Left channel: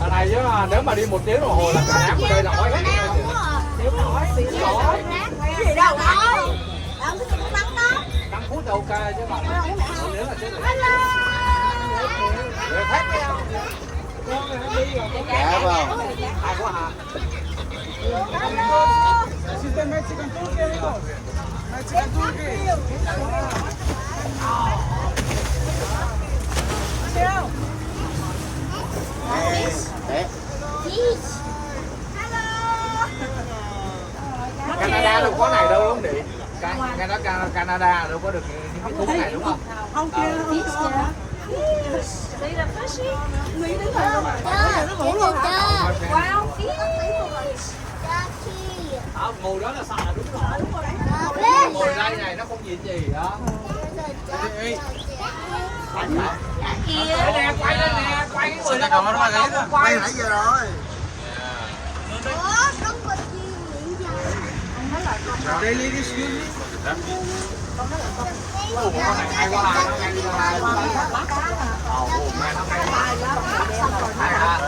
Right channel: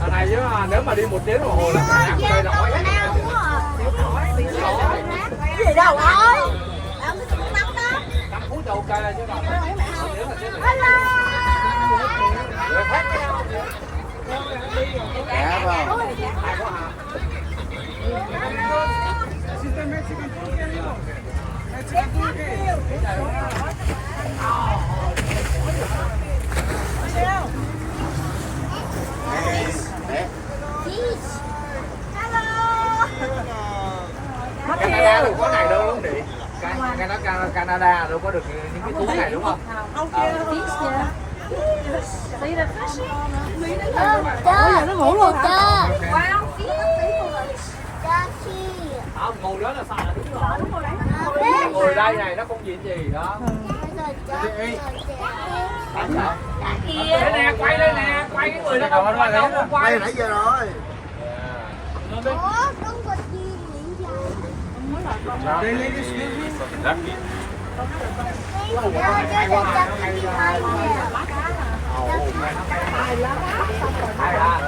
Ở này chứ mà nếu mà đi 1 tiếng đồng hồ là cả nhà chơi nổi. Cái gì đâu thôi. 5 phút là ok chứ mà nếu mà chơi Dạ vâng. Canada đâu có này đâu đúng không chị? Canada đâu có được những cái thú này đúng không? Không chưa. Nó ngủ luôn. Ngồi đó là xài là đúng rồi. Ngồi đây này nó không gì đó. Đây nè, quay đây nè, quay cái người đó không quay Nãy giờ rồi. Đây lấy cái xíu. Hay quá ha, nó ngay hai. Mẹ nó hay. Hay rồi.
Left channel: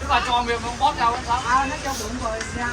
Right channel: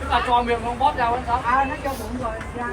Tức là cho miệng nó bót ra sao? Nó cho bụng rồi ra.